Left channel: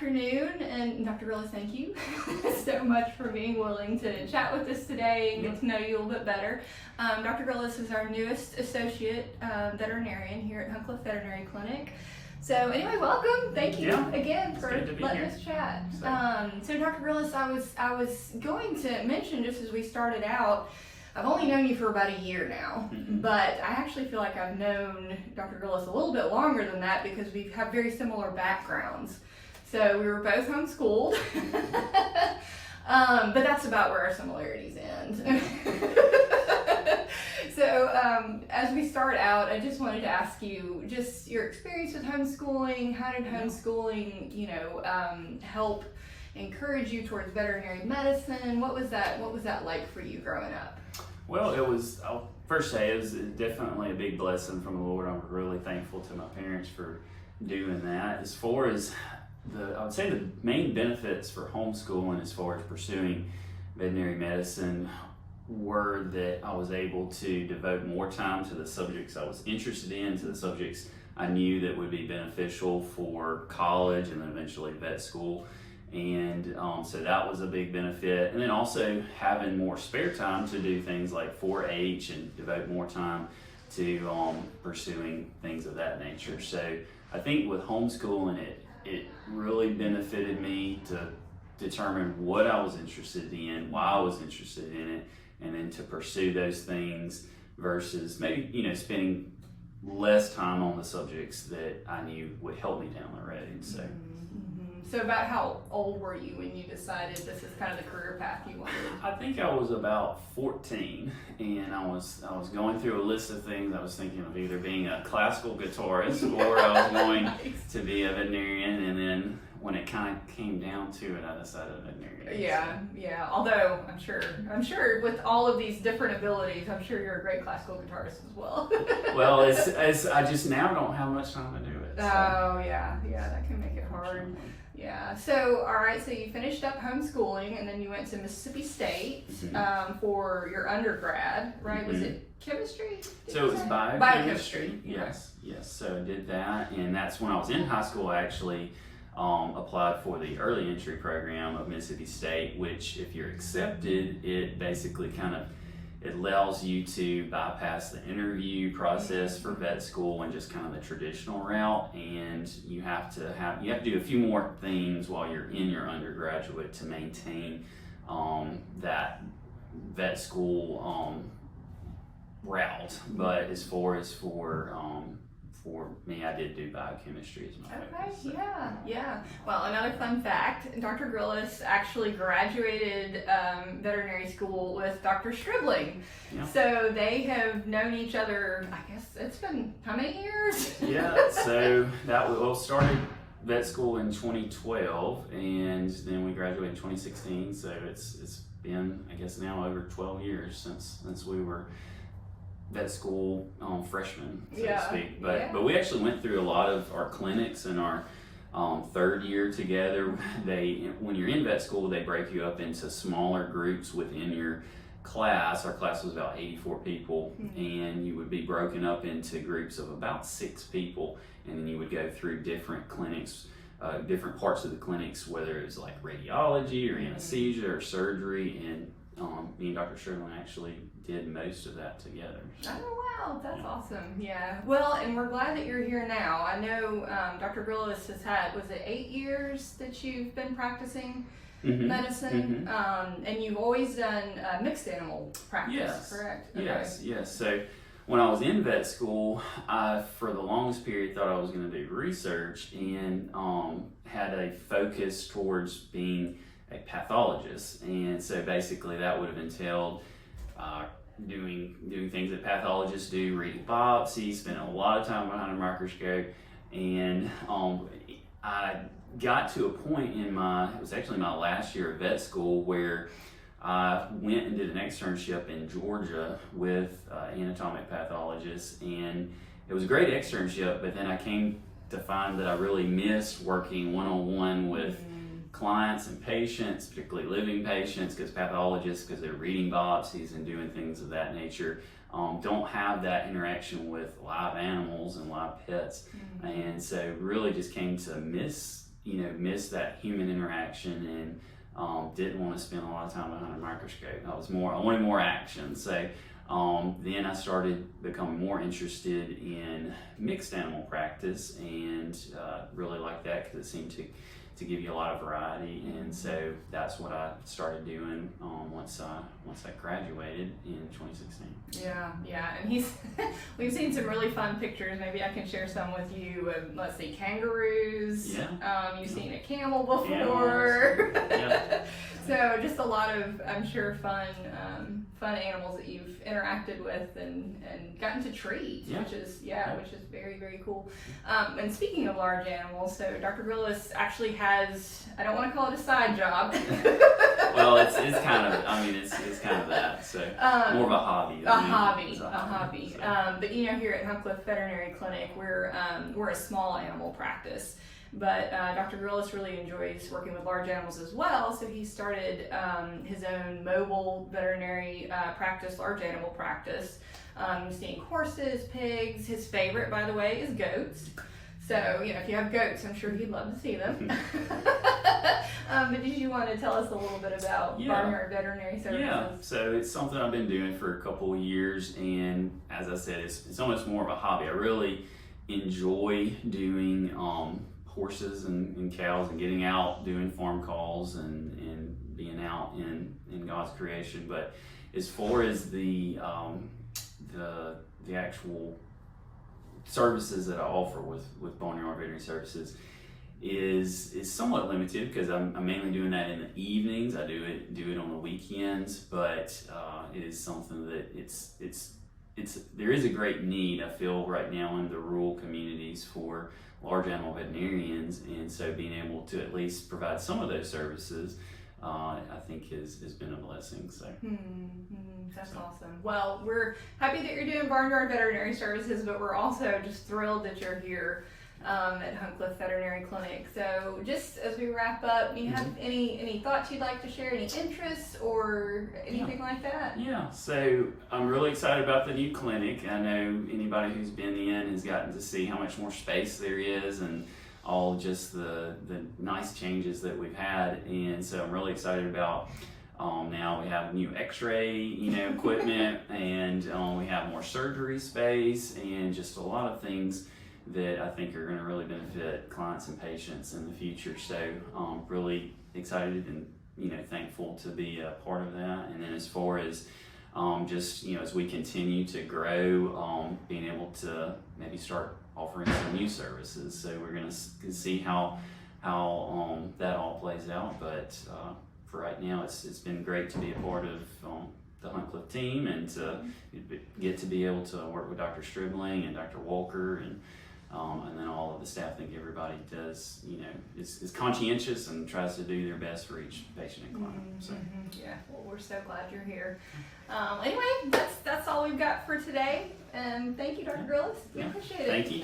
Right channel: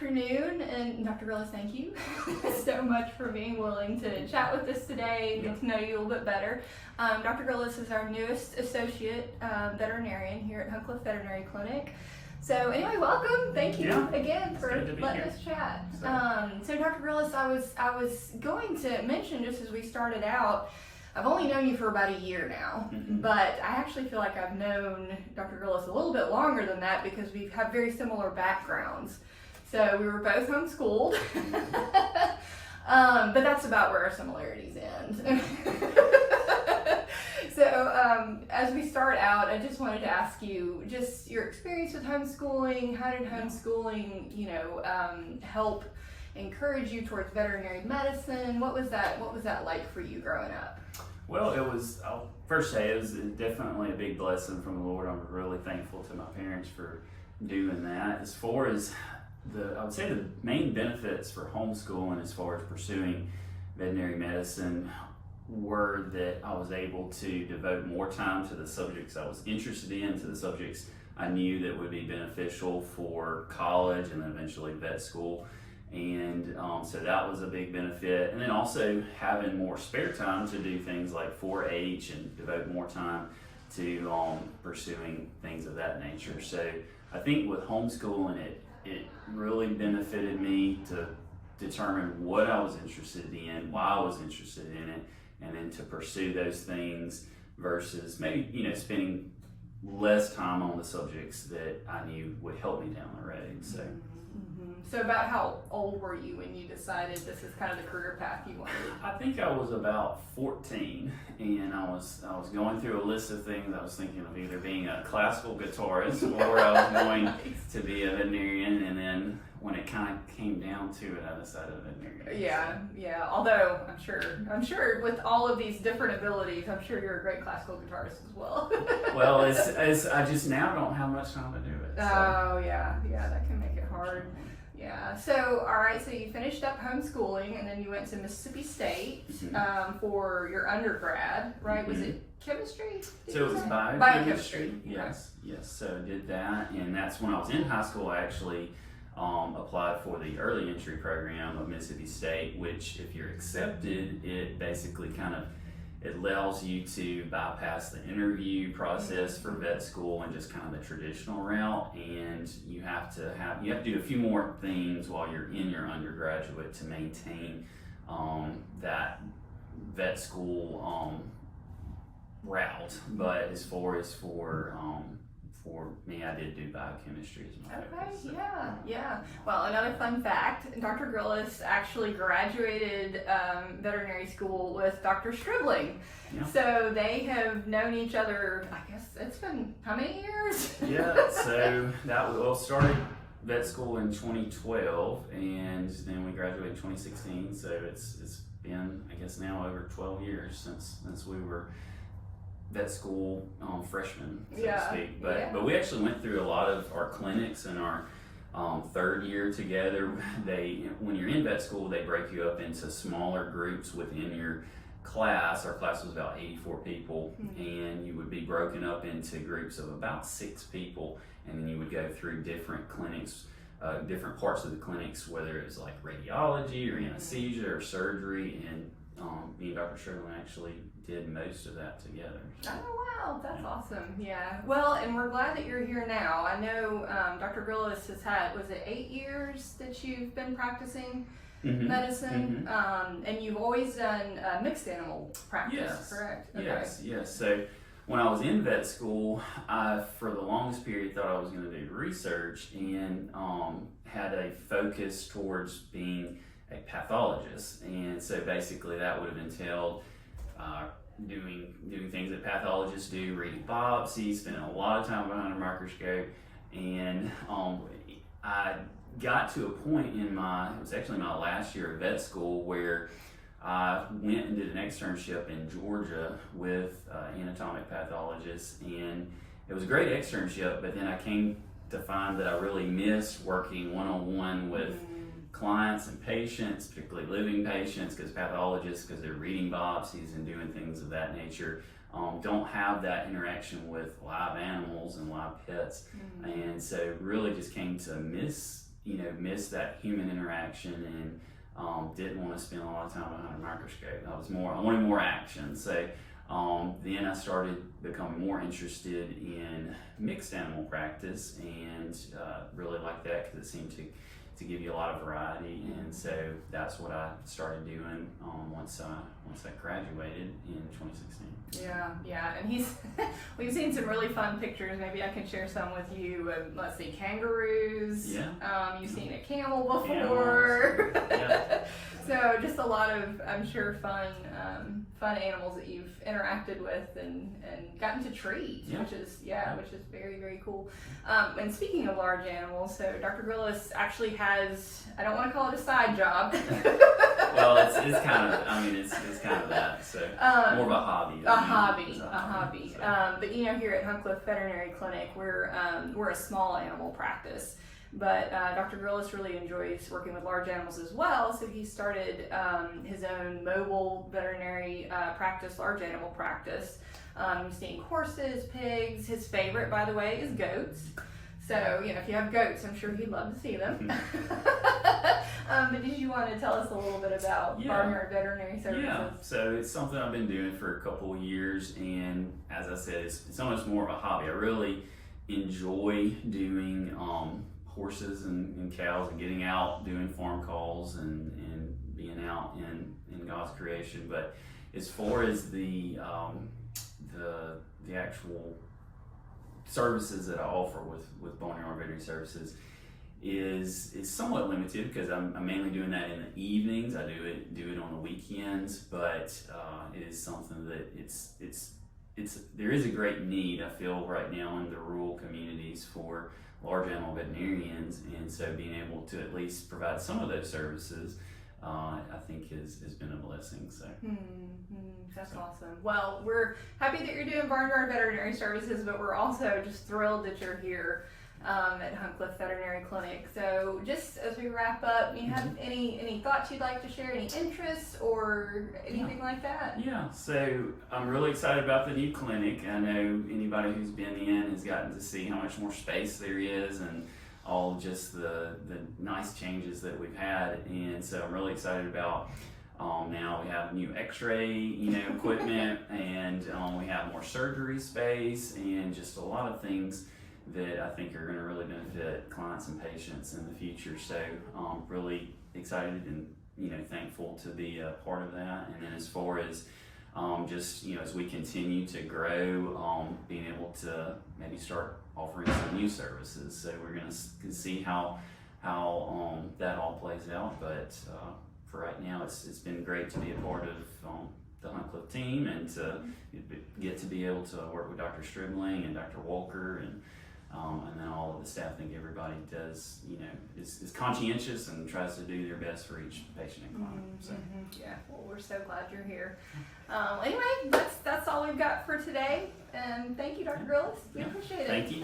afternoon, and Dr. Grillis, thank you so much for being willing to chat with us today and get to know you a little bit better. Dr. Grillis is our newest associate veterinarian here at Huncliffe Veterinary Clinic. So anyway, welcome. Thank you again for letting us chat. So Dr. Grillis, I was going to mention just as we started out, I've only known you for about a year now, but I actually feel like I've known Dr. Grillis a little bit longer than that because we have very similar backgrounds. So we were both homeschooled, but that's about where our similarities end. So as we start out, I just wanted to ask you just your experience with homeschooling. How did homeschooling, help encourage you towards veterinary medicine? What was that like for you growing up? Well, I'll first say it was definitely a big blessing from the Lord. I'm really thankful to my parents for doing that. As far as I would say the main benefits for homeschooling as far as pursuing veterinary medicine were that I was able to devote more time to the subjects I was interested in, to the subjects I knew that would be beneficial for college and then eventually vet school. And so that was a big benefit. And then also having more spare time to do things like 4-H and devote more time to pursuing things of that nature. So I think with homeschooling, it really benefited me to determine what I was interested in, why I was interested in it, and then to pursue those things versus maybe, spending less time on the subjects that I knew would help me down the road. So. So about how old were you when you decided this is kind of the career path you wanted? I think I was about 14, and I was going through a list of things. I was thinking of either being a classical guitarist or I was going to be a veterinarian, and then when it kind of came down to it, I decided veterinarian. Yeah. Although I'm sure with all of these different abilities, I'm sure you're a great classical guitarist as well. Well, it's I just now don't have much time to do it. So. Oh yeah, that can make it hard. Yeah. So, all right. So you finished up homeschooling, and then you went to Mississippi State for your undergrad, right? Was it chemistry? So it was biochemistry. Yes. So I did that, and that's when I was in high school. I actually applied for the early entry program of Mississippi State, which, if you're accepted, it basically it allows you to bypass the interview process for vet school and just kind of the traditional route, and you have to do a few more things while you're in your undergraduate to maintain that vet school route. But as far as for me, I did do biochemistry as my focus. Okay, yeah. Well, another fun fact, Dr. Grillis actually graduated veterinary school with Dr. Stribling. Yeah. So they have known each other, I guess it's been how many years? Yeah, so that started vet school in 2012, and then we graduated in 2016, so it's been, I guess now, over 12 years since we were vet school freshmen, so to speak. But we actually went through a lot of our clinics in our third year together. When you're in vet school, they break you up into smaller groups within your class. Our class was about 84 people, and you would be broken up into groups of about 6 people, and then you would go through different clinics, different parts of the clinics, whether it was like radiology or anesthesia or surgery, and me and Dr. Sherlin actually did most of that together. So. Oh wow, that's awesome. Yeah. Well, and we're glad that you're here now. I know Dr. Grillis has had, was it 8 years that you've been practicing medicine? And you've always done mixed animal practice, correct? Okay. Yes. So when I was in vet school, I, for the longest period, thought I was going to do research and had a focus towards being a pathologist. And so basically that would have entailed doing things that pathologists do, reading biopsies, spending a lot of time behind a microscope. And I got to a point it was actually my last year of vet school, where I went and did an externship in Georgia with anatomic pathologists, and it was a great externship, but then I came to find that I really missed working one-on-one with clients and patients, particularly living patients, because pathologists, because they're reading biopsies and doing things of that nature, don't have that interaction with live animals and live pets. And so really just came to miss missed that human interaction and didn't want to spend a lot of time behind a microscope. I wanted more action. So then I started becoming more interested in mixed animal practice, and really liked that because it seemed to give you a lot of variety. And so that's what I started doing once I graduated in 2016. Yeah, and we've seen some really fun pictures. Maybe I can share some with you. Let's see, kangaroos. Yeah. You've seen a camel before. Yeah. So just a lot of, I'm sure, fun animals that you've interacted with and gotten to treat, which is very, very cool. And speaking of large animals, so Dr. Grillis actually has, I don't want to call it a side job. Well, it's kind of, it's kind of that. So more of a hobby. A hobby. But here at Huncliffe Veterinary Clinic, we're a small animal practice. But Dr. Grillis really enjoys working with large animals as well, so he started his own mobile veterinary practice, large animal practice. He's seeing horses, pigs. His favorite, by the way, is goats. So, if you have goats, I'm sure he'd love to see them. But did you want to tell us a little bit about Barnyard Veterinary Services? Yeah, so it's something I've been doing for a couple of years, and as I said, it's almost more of a hobby. I really enjoy doing horses and cows and getting out, doing farm calls and being out in God's creation. But as far as the actual services that I offer with Barnyard Veterinary Services is somewhat limited, because I'm mainly doing that in the evenings. I do it on the weekends, but it is something that there is a great need, I feel, right now in the rural communities for large animal veterinarians, and so being able to at least provide some of those services, I think has been a blessing. So that's awesome. Well, we're happy that you're doing Barnyard Veterinary Services, but we're also just thrilled that you're here at Huncliffe Veterinary Clinic. So just as we wrap up, do you have any thoughts you'd like to share, any interests or anything like that? Yeah, so I'm really excited about the new clinic. I know anybody who's been in has gotten to see how much more space there is and all just the nice changes that we've had. And so I'm really excited about now we have new x-ray equipment, and we have more surgery space, and just a lot of things that I think are going to really benefit clients and patients in the future. So really excited and thankful to be a part of that. And then as far as just as we continue to grow, being able to maybe start offering some new services. So we're going to see how that all plays out. But for right now, it's been great to be a part of the Huncliffe team, and to get to be able to work with Dr. Stribling and Dr. Walker and then all of the staff. I think everybody does, is conscientious and tries to do their best for each patient and client. So. Yeah, well, we're so glad you're here. Anyway, that's all we've got for today. And thank you, Dr. Grillis. We appreciate it. Thank you.